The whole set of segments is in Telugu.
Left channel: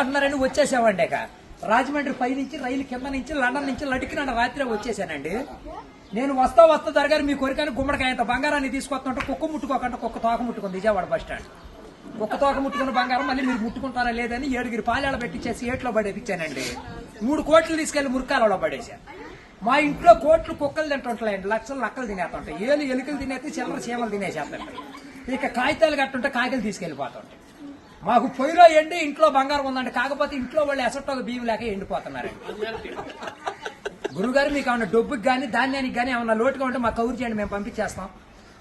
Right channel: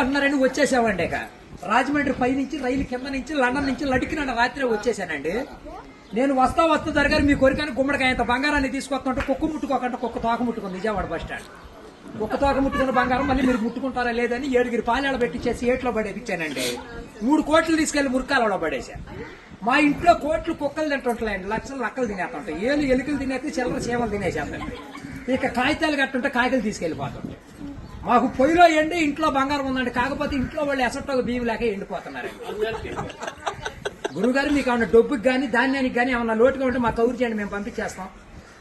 అంటున్నారని వచ్చేసామండి. ఇక రాజమండ్రి పై నుంచి రైలు కింద నుంచి లండన్ నుంచి లడికిన రాత్రి వచ్చేసానండి. నేను వస్తా దొరగారు మీ కోరికని గుమ్మడికాయంత బంగారాన్ని తీసుకొస్తుంటే కుక్క ముట్టుకోకుండా కుక్క తోక ముట్టుకుంది విజయవాడ బస్ స్టాండ్. కుక్క తోక ముట్టుకున్న బంగారం మళ్ళీ మీరు ముట్టుకుంటారా లేదని 7 పాలేళ్ళ పెట్టించేసి ఏట్లో పడేపించానండి. 3 కోట్లు తీసుకెళ్లి మురికాలలో పడేశాను. మా ఇంట్లో కోట్లు కుక్కలు తింటుంటాయండి, లక్షలు లక్కలు తినేస్తుంటాయి. ఎలుకలు తినేసి చిల్లర చీమలు తినేసేస్తాయి. ఇక కాగితాలు కట్టుంటే కాగితాలు తీసుకెళ్లిపోతాం. మాకు పొయ్యిలో ఎండి ఇంట్లో బంగారం ఉందండి, కాకపోతే ఇంట్లో వాళ్ళు ఎసట్టాలు బియ్యం లేక ఎండిపోతున్నారు. గురుగారు మీకు ఏమన్నా డబ్బుకి కానీ ధాన్యానికి కానీ ఏమన్నా లోటుగా ఉంటే మాకు కౌరు చేయండి, మేము పంపించేస్తాం.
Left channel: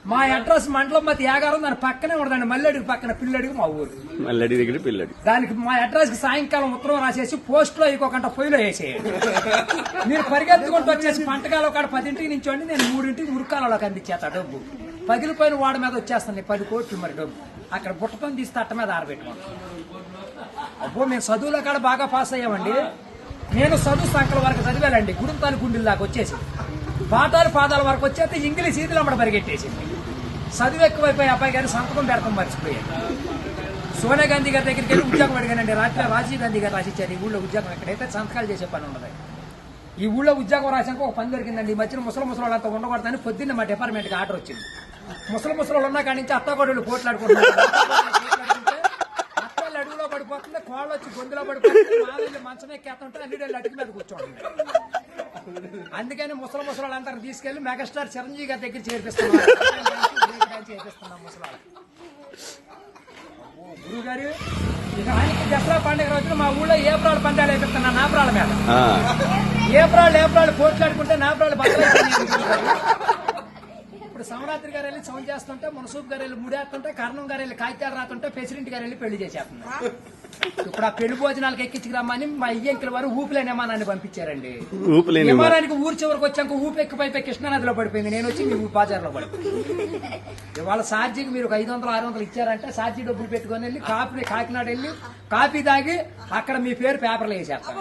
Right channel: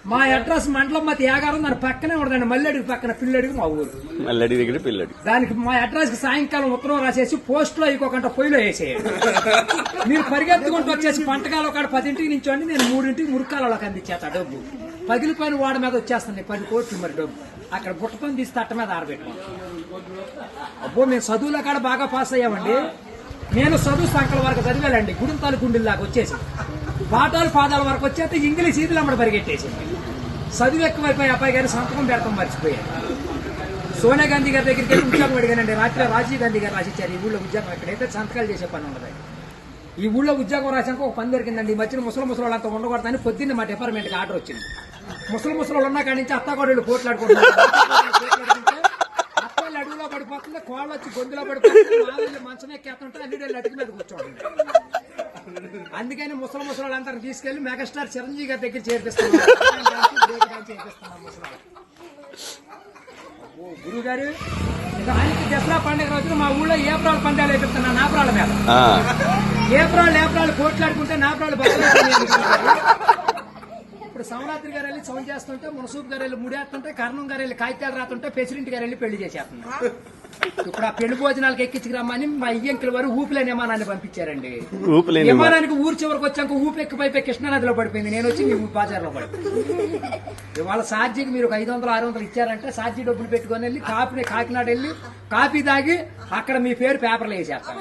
మా అడ్రస్ మండలం మధ్య యాగారం, దాని పక్కనే ఉండదండి, మల్లెడికి పక్కన పిల్లడికి మా ఊరు. దానికి మా అడ్రస్ కి సాయంకాలం ఉత్తరం రాసేసి పోస్ట్ లో ఇంకొక పొయ్యిలో వేసేయండి. మీరు పరిగెత్తుకుంటూ వచ్చేసి పంటకాల ఒక 10ంటికి నుంచోండి, నేను 3ంటికి మురికాలలోకి అందించేస్తా డబ్బు. పగిలిపోయిన వాడి మీద వచ్చేస్తుంది 10 కోట్లు మరి డబ్బు. అక్కడ బుట్టతో తీసి తట్ట మీద ఆరబెట్టాం. అప్పుడు నేను చదువులో కాడ బాగా పాస్ అయ్యామండి. నేను చదువు సంకల వరకు చదివానండి, గుడుంతాలు గుండెల దాకా వచ్చేసి పాఠాలు పాదాల వరకు వచ్చేస్తే ఇంగ్లీష్ ఈదులు అమ్మడ పరిగెట్టేసి చదువు ఎక్కువైపోయి అబ్బాయి గారి సంతకం పెడతాం మర్చిపోయాను. సోనియా గాంధీ గారి దగ్గరికి వెళ్ళి ఉద్యోగం అడిగానండి. రాత్రి రాజీవ్ గాంధీ గారు రాసిచ్చారు ఈ ఊళ్ళో ఉద్యోగం. ఎక్కడైతే సంతకాలు చేసే పని ఉండదు. ఈ ఊళ్ళో ఉద్యోగం రాసాక ఒక పని దొరికిందండి. ఈ మధ్యన ముసలి అంతా ఉండకూడదని పొద్దున్న మా డిపార్ట్మెంట్కి ఆర్డర్ వచ్చింది. ముసలి ఉన్న కాడి నుంచి అత్తాకోడళ్ళు పోట్లాడుకుంటున్నారు. అత్తలు అడుగులో పడిపోతుంది, కోళ్ళు వచ్చి గొంతులో పడిపోతుంది, మంచం ఎక్కేస్తుంటే అన్ని అడుగు మీద కూర్చోండి. అందుకని ముసలి అంటారు తీసుకెళ్లి మెగాస్టార్ చిరంజీవి గారి దగ్గర చేర్పిస్తున్నాం. గురువు గారు దసరా పండుగ రోజున మా ఊళ్ళో ఏప్రాల్ పండుగలు అయిపోతున్నా నాపరాల మీద. ఏప్రాల్ పోట్లాడుకుంటే నాపరాలు ఇప్పుడు సమరాత్రి గారు వెళ్ళి సౌండ్ చేస్తుంటే, మునసూపు గారు వెళ్ళి ముడేస్తుంటే, కర్ణం గారు వెళ్ళి కాగితాలు రాస్తుంటే, ప్రెసిడెంట్ గారు వెళ్ళి పెళ్లి చేసేస్తున్నారు. ఇప్పుడు ఆ పెళ్లి భోజనాలకు ఎక్కించుకురమ్మని మా ఇయ్యంకుల వారు ఊపిలేని విమానాన్ని పంపించారండి. విమానానికి ఊరు చివరికి వచ్చాక ఊపి ఎక్కిపోయిపోయి కృష్ణానదిలో పడిపోయింది. నేను వచ్చి మీ బాజార్లో పడిపోయింది. ఇవాళ ఛార్జీకి మీరు 500-600 ఇచ్చారంటే ఛార్జీ డబ్బులు పెట్టుకుని వెళ్ళి కాకినాడ వెళ్ళి కాఫీ తాగి అక్కడ మీ పేరు పేపర్లు వేసేస్తారు.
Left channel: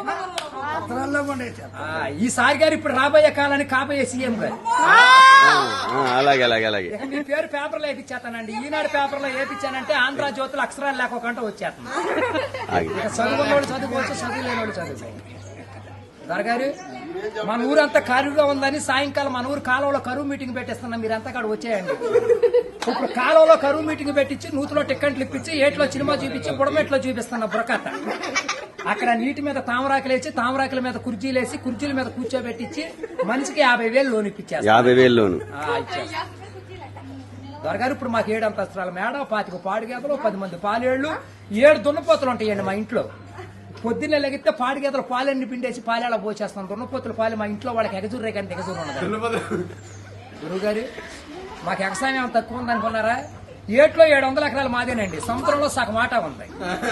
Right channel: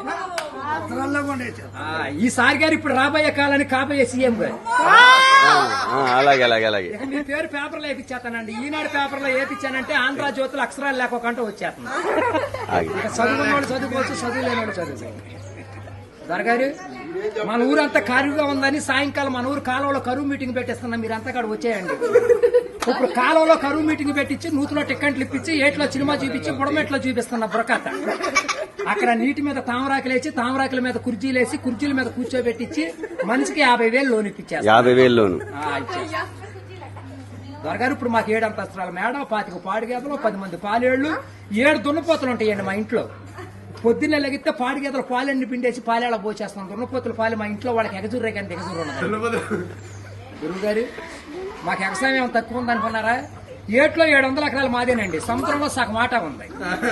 ఈసారి గారు ఇప్పుడు రాబోయే కాలానికి కాబోయే సీఎం గారు మీ పేరు పేపర్లో వేపించేస్తానండి. ఈనాడు పేపర్లో వేపించానంటే ఆంధ్ర జ్యోతులు అక్షరాలు లేకోకుండా వచ్చేస్తాను. చదువుకున్నోడు చదువుకోవచ్చు, చదువులేనోడు చదువు. దొరగారు మన ఊరంతా ఖాళీగా ఉందని సాయంకాలం మన ఊరు కాలువలో కరువు మీటింగ్ పెట్టిస్తున్నాం. మీరంతా అక్కడ వచ్చేయండి. ఇప్పుడు కాలువలో కరువు మీటింగ్ పెట్టించి నూతులో టిక్కెట్లు ఇప్పించి ఏట్లో సినిమా చూపించి బుడమెట్లో చూపిస్తున్నా బురకట్ట. అక్కడ నీటి మీద తామరాకులు వేసి తామరాకుల మీద కుర్చీలు వేసి కుర్చీల మీద కూర్చోబెట్టించి మనిషికి 50,000 లోన్ ఇప్పించారు. 50,000 లోన్ దొరగారు ఇప్పుడు మాకు 7 అంతస్తుల మేడ, 25 పాడిగేదలు, 10 మంది పాలేళ్లు, 7 దున్నపోతులు ఉంటాయండి మా ఇంట్లో. పొద్దున్నే లెగితే పాడిగేదలు పాలన్నీ పిండేసి పాలేళ్ళ పోసేస్తాం. దున్నపోతులు పాలు మా ఇంట్లో వాళ్ళకి ఎగజూరే కానీ ఎగజూరు ఉండదు. గురువు గారు మాకు వ్యవసాయం తక్కువ ఉందనుకున్నారా? ఏట్లో 700 ఎకరాలు మాదేనండి. సముద్రంలో సగం ఆటా ఉంది.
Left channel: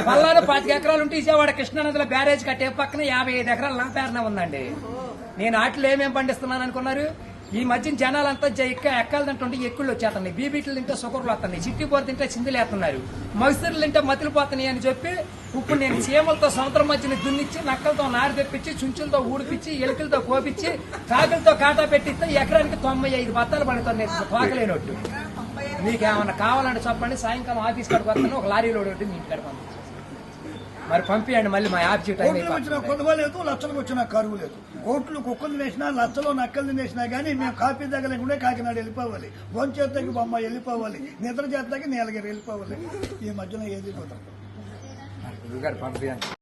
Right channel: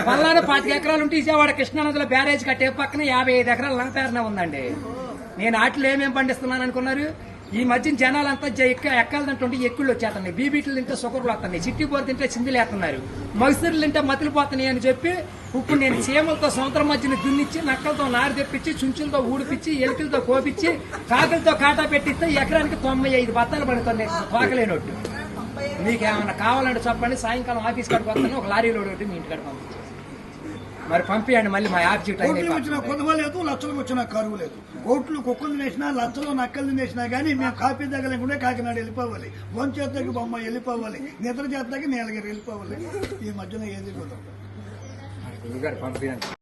పల్లాలో 25 ఎకరాలు ఉంటే విజయవాడ కృష్ణానదిలో బ్యారేజ్ కట్టే పక్కన 55 ఎకరాలు నా పేరునే ఉందండి. నేను ఆటలు ఏమేమి పండిస్తున్నాను అనుకున్నారు? ఈ మధ్య జనాలంతా ఎక్కాలంటుంటే ఎక్కుళ్ళు వచ్చేస్తున్నాయి, బీబీట్లు తింటే సుకర్లు వస్తున్నాయి, చిట్టిపోరు తింటే చిందులు వేస్తున్నారు, మగసిరులు తింటే మతులు పోతున్నాయి అని చెప్పి ఇప్పుడు నేను చీమలతో సముద్రం మధ్యన దున్నిచ్చి, నక్కలతో నారు తెప్పించి, చుంచులతో ఊడిపించి, ఎలుకలతో కోపించి, కాకులతో కాటా పెట్టిస్తే ఎకరానికి 95 బత్తాలు పడుతున్నాయి తోకలేనట్టు. మీకేమన్నా కావాలంటే చెప్పండి, సాయంకాలం ఆఫీస్ కాడికి వస్తాను, ఒక లారీలో ఒకటి మీ ఇంటికాడ పంపించాను. మరి పంపించండి, మళ్ళీ మా ఆఫీస్ వచ్చిన కొనుగోలేదు, లక్షలకు వచ్చిన కరువు లేదు. కోట్లు కుక్కలు వేసినా, లక్షలు నక్కలు వేసినా కానీ మేము కాఫీ దగ్గర కాకినాడ వెళ్ళిపోవాలి, భోంచేతకి బొమ్మ వెళ్ళిపోవాలి, నిద్ర చేతకి నీలగిరి వెళ్ళిపోవాలి. ఈ మధ్యన ఏది చూద్దాం.